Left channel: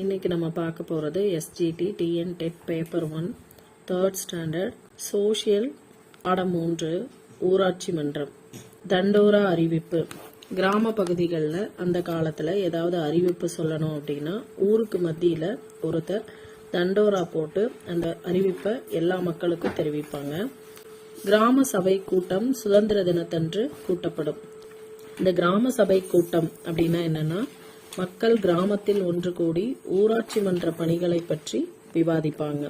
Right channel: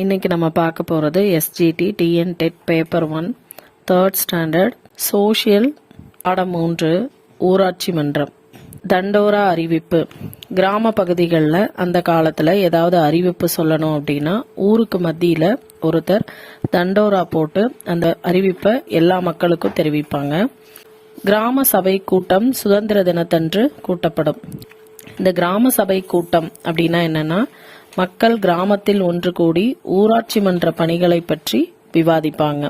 இன்னைக்கு நம்ம பார்க்க போகிறது SGT TN dead paper 1 3rd standard social பாடம் 3 ஊராட்சி மன்றம். தண்டோரா அறிவிப்பு. கிராம பகுதிகளில் அந்த காலத்தில் ஏதாவது அறிவிப்பு சொல்லணும் அப்படின்னா ஊருக்கு மத்தியில் ஒருத்தர் தண்டோரா போட்டு அந்த அறிவிப்பை எல்லா மக்களுக்கும் தெரிவிப்பாங்க. கிராம சபை கூட்டம் சுதந்திர தினத்தன்று கூட்டப்படும். இந்த கிராம சபை கூட்டம் அப்படின்னா என்னன்னா, மக்கள் கிராமத்தில் ஒன்று கூடி ஊராட்சி மன்ற பணிகளை பற்றி விவாதிப்பாங்க.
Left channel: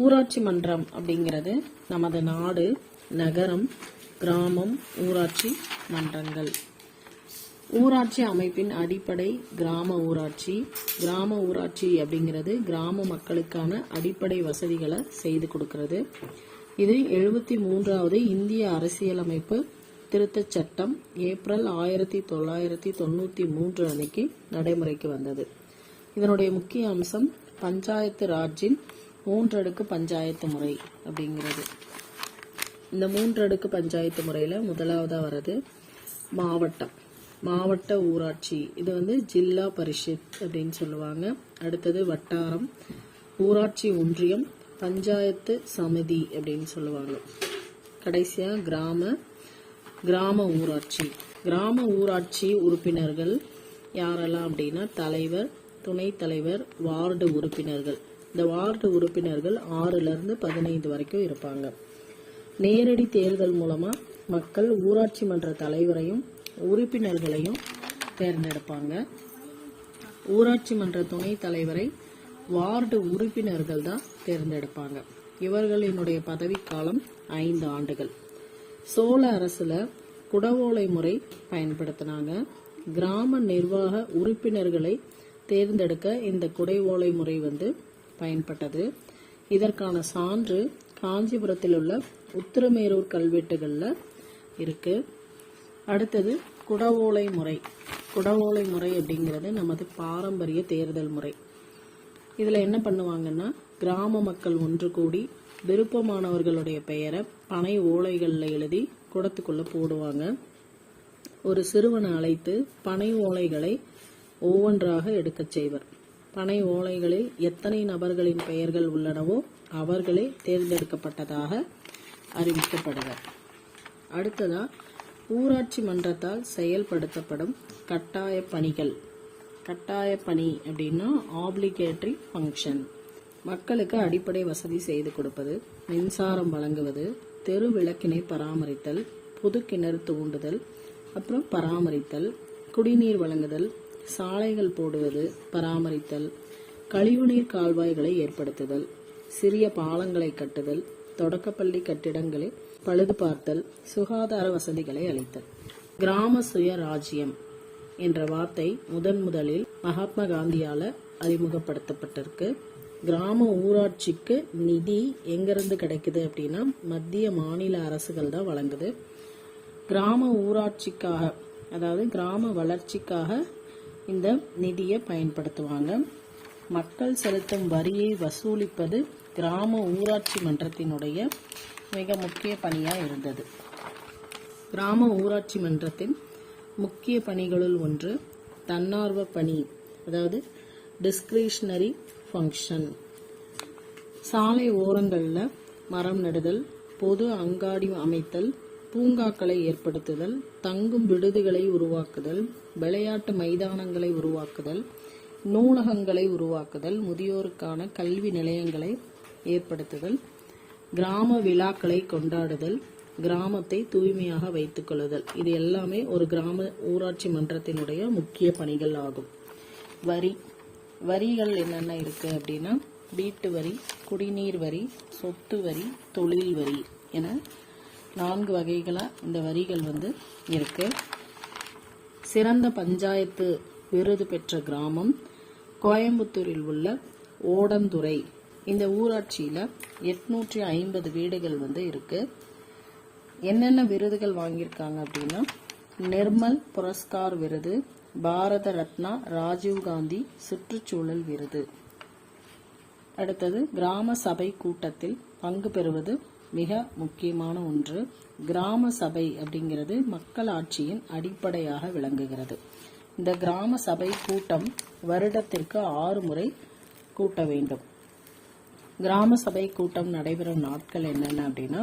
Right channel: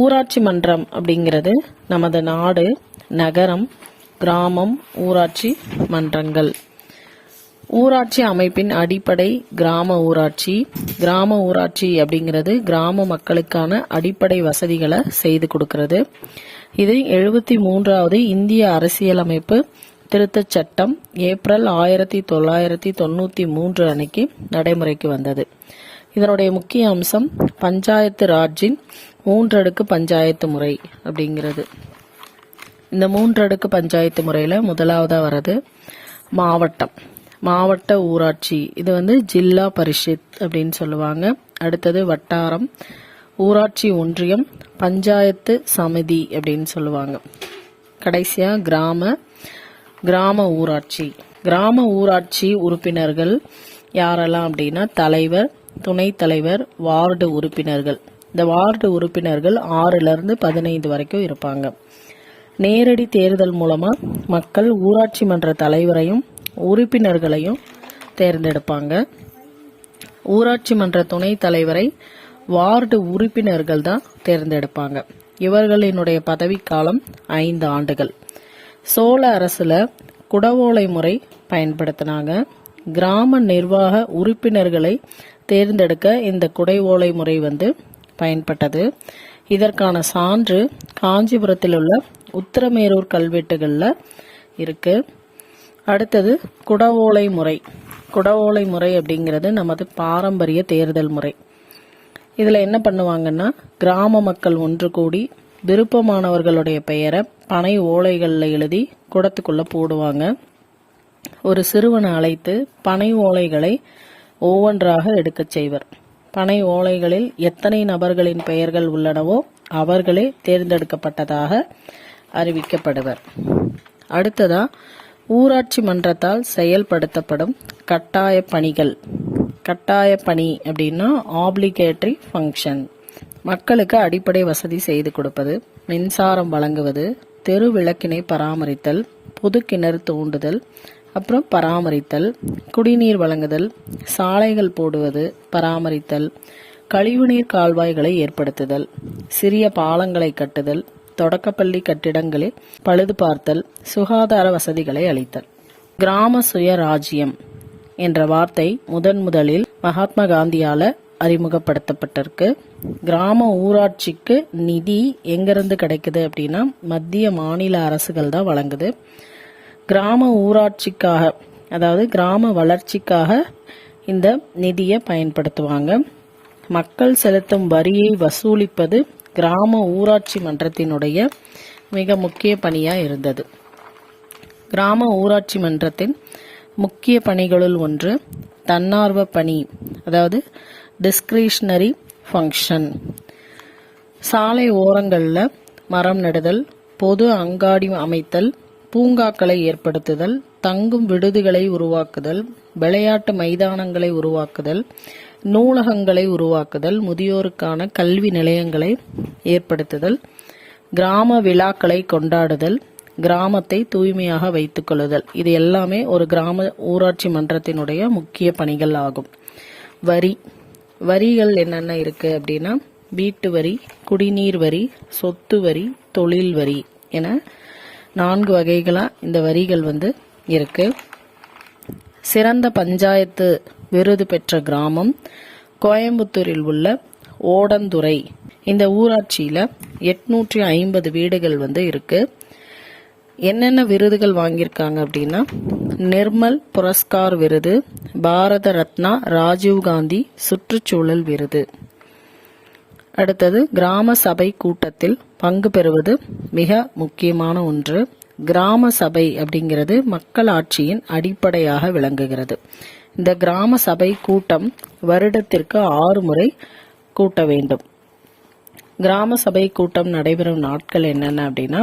ஊராட்சி மன்றம் அப்படிங்கிறது நமது நாடு, நகரம், கிராமம், ஊராட்சி மன்றங்கள். ஊராட்சி அமைப்பின் அடிப்படை கிராம ஊராட்சி. கிராம ஊராட்சி அப்படிங்கிறது கிராம மக்களுக்கான அடிப்படை வசதிகளை செய்து கொடுக்கிறது. இது 73வது இந்திய அரசியலமைப்பு திருத்தச் சட்டம் ஏப்ரல் 1993 அன்னைக்கு நடைமுறைக்கு வந்தது. இதனுடைய முக்கிய அம்சம் பஞ்சாயத்து ராஜின் 3 அடுக்கு பஞ்சாயத்து முறை அப்படிங்கிறது. இந்த 3 அடுக்கு பஞ்சாயத்து முறையில் முதலாவதாக வர்றது மாவட்டம், மாவட்ட ஊராட்சி. இது ஜில்லா பரிஷத் அப்படின்னு சொல்லுவாங்க. அடுத்தது வட்டாரம், ஊராட்சி ஒன்றியம், பஞ்சாயத்து சமிதி அப்படின்னு சொல்லுவாங்க. கடைசியா கிராம ஊராட்சி. கிராம ஊராட்சி உறுப்பினர்கள் யாரெல்லாம் அப்படின்னா தலைவர், துணைத் தலைவர், வார்டு உறுப்பினர்கள். இந்த வார்டு உறுப்பினர்கள் 6லிருந்து 15 வரைக்கும் இருப்பாங்க. நேரடி தேர்தல் மூலமா மக்கள் ஊராட்சி மன்ற தலைவரையும் உறுப்பினர்களையும் தேர்ந்தெடுப்பாங்க. ஊராட்சி மன்ற துணைத் தலைவரை வார்டு உறுப்பினர்கள் தான் தேர்ந்தெடுப்பாங்க. இவர்களினுடைய பதவிக்காலம் 5 ஆண்டுகள். சோழ அரசுல குடவோலை முறை பயன்படுத்தினாங்க. கிராம நிர்வாக உறுப்பினர்களை தேர்ந்தெடுக்க இந்த குடவோலை முறை பயன்பட்டது. இதற்கான சான்று காஞ்சிபுரத்தில் உள்ள உத்திரமேரூர் கல்வெட்டுகள்ல இருக்கு. அடுத்தது குடவோலை முறை. குடவோலை முறை அப்படிங்கிறது நமது பாரம்பரிய தேர்தல் முறை. இதுல என்ன பண்ணுவாங்கன்னா, கிராம மக்கள் ஒன்று கூடி விருப்பமானவர்களுடைய பெயரை பனை ஓலைகளில் எழுதி குடத்துக்குள்ள போடுவாங்க. ஒரு சிறுவனை அழைத்து பனை ஓலைகளை ஒவ்வொன்றாக எடுக்கச் செய்வர். பனை ஓலைகளில் எத்தனை நபர்களின் பெயர்கள் உள்ளனவோ அவர்களே தேர்ந்தெடுக்கப்பட்டதாக அறிவிக்கப்படுவர். அடுத்ததா ஊராட்சி மன்றத்தால் செயல்படுத்தப்படும் கட்டாய பணிகள். கட்டாய பணி அப்படின்னா ஆப்ளிகேட்டரி ஃபங்க்ஷன். மக்களுக்கு அடிப்படை வசதி செய்து கொடுப்பது, மின்சாரம் வழங்குவது, தெரு விளக்கினை பராமரித்தல், பொது கிணறு தோண்டுதல், அப்புறம் பராமரித்தல், குடிநீர் வழங்குதல், சாலைகள் போடுவது, பராமரித்தல், கழிவுநீர் கால்வாய்களை ஏற்படுத்துதல், சிறிய பாலங்களை கட்டுதல், தொடக்கப்பள்ளி கட்டிடங்களில் பழுது பார்த்தல், சுகாதார வசதிகளை அளித்தல். கிராம சுயராஜ்யம் என்ற வார்த்தை முதலில் மகாத்மா காந்தியால அறிமுகப்படுத்தப்பட்டிருக்கு. கிராம ஊராட்சிக்கு நிதி எங்கிருந்து கிடைக்குது அப்படின்னா மத்திய மாநில அரசுகள் தான் வழங்குது. கிராம ஊராட்சிக்காக, அதாவது கிராம வளர்ச்சிக்காக இந்த நிதியை பயன்படுத்துவாங்க. மக்கள் செலுத்தும் வரியை வசூலிப்பது கிராம ஊராட்சி மன்றத்தினுடைய மிக முக்கிய பணியா இருந்தது. கிராம ஊராட்சி மன்றத்தின் முக்கிய பணிகளுள் ஒன்று தன்னார்வ பணி, அதாவது டிஸ்கிரிஷனரி ஃபங்க்ஷன். சாலை ஓரங்களில் மரம் நடுதல், பொது அங்காடி அமைத்தல், பூங்காக்களை ஏற்படுத்துதல், தங்கும் விடுதிகளை உருவாக்குதல், விளையாட்டு மைதானங்களை உருவாக்குதல், நூலகங்களை உருவாக்குதல், முதியோருக்கான கல்வி நிலையங்களை ஏற்படுத்துதல், கிராம விழாக்களை கொண்டாடுதல், கிராமத்தை தூய்மையாக வைத்துக் கொள்ளுதல். இது எல்லாமே ஒரு கிராம ஊராட்சி மன்றத்தினுடைய முக்கிய பணிகள் ஆகும். வரிகள் என்னென்ன இருக்கு அப்படின்னா, வீட்டு வரி, குடிநீர் வரி, சொத்து வரி, தொழில் வரி என 4 வகைகளா இந்த வரிகள் இருக்கு. சிறந்த பஞ்சாயத்து விருது பெற்ற கிராமம் கோயம்புத்தூரில் உள்ள ஓடந்துறை. இந்த ஊராட்சியில 850 வீடுகள் இருக்கு. என்னென்ன விருதுகள் வாங்கியிருக்காங்க அப்படின்னா, நிர்மல் புரஸ்கார் விருது, பாரத ரத்னா ராஜீவ்காந்தி சுற்றுச்சூழல் விருது. அடுத்தது கிராம சபை கூட்டத்தில் பங்கு பெறுவது மிக முக்கியமான ஒன்று. கிராம சபை அப்படிங்கிறது மக்களாட்சியின் அடிப்படையாக விளங்குகிறது. இந்த கிராம சபை கூட்டம் வருடத்திற்கு 6 முறை கூட்ட வேண்டும். கிராம சபை கூட்டம் நடைபெறும் நாட்கள் என்னென்ன அப்படின்னா,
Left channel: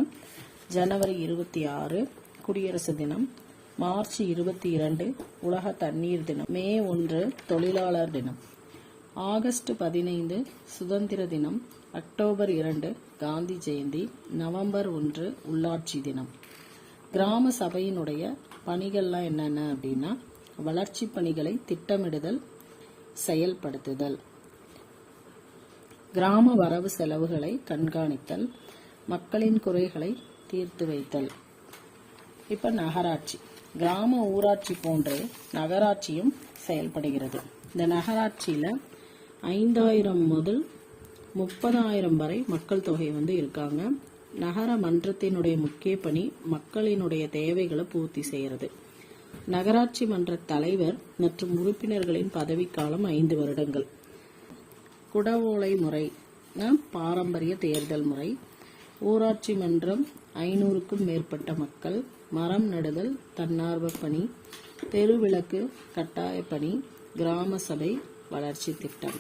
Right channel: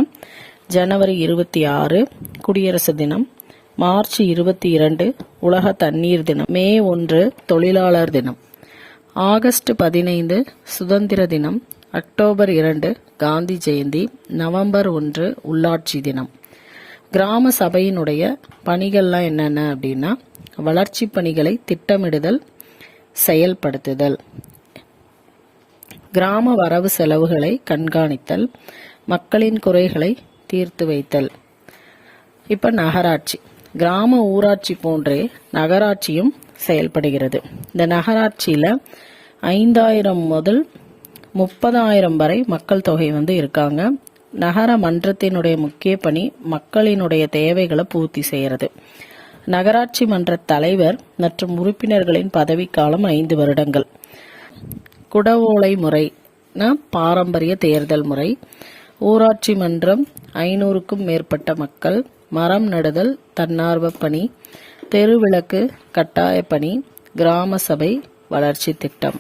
ஜனவரி 26 குடியரசு தினம், மார்ச் 22 உலக தண்ணீர் தினம், மே 1 தொழிலாளர் தினம், ஆகஸ்ட் 15 சுதந்திர தினம், அக்டோபர் 2 காந்தி ஜெயந்தி, நவம்பர் 1 உள்ளாட்சி தினம். கிராம சபையினுடைய பணிகள்லாம் என்னென்ன அப்படின்னா, வளர்ச்சி பணிகளை திட்டமிடுதல், செயல்படுத்துதல், கிராம வரவு செலவுகளை கண்காணித்தல், மக்களின் குறைகளை தீர்த்து வைத்தல். இப்ப நகராட்சி, கிராம ஊராட்சி போன்றே நகராட்சியும் செயல்படுகிறது. இந்த நகராட்சியில 5000 முதல் 30,000 வரை மக்கள் தொகை இருக்காங்க. நகர மன்றத்தினுடைய முக்கிய பணி மக்களினுடைய தேவைகளை பூர்த்தி செய்கிறது. நகராட்சி மன்ற தலைவர் மற்றும் உறுப்பினர்களின் பதவிக்காலம் 5 வருடங்கள். குடவோலை முறை பாரம்பரிய தேர்தல் முறை. ஊராட்சி மன்றம் 500க்கும் மேற்பட்ட மக்கள். மரம் நடுதல் தன்னார்வ பணி. தெருவிளக்கு கட்டாய பணி. கிராம சபை வளர்ச்சி திட்டம்.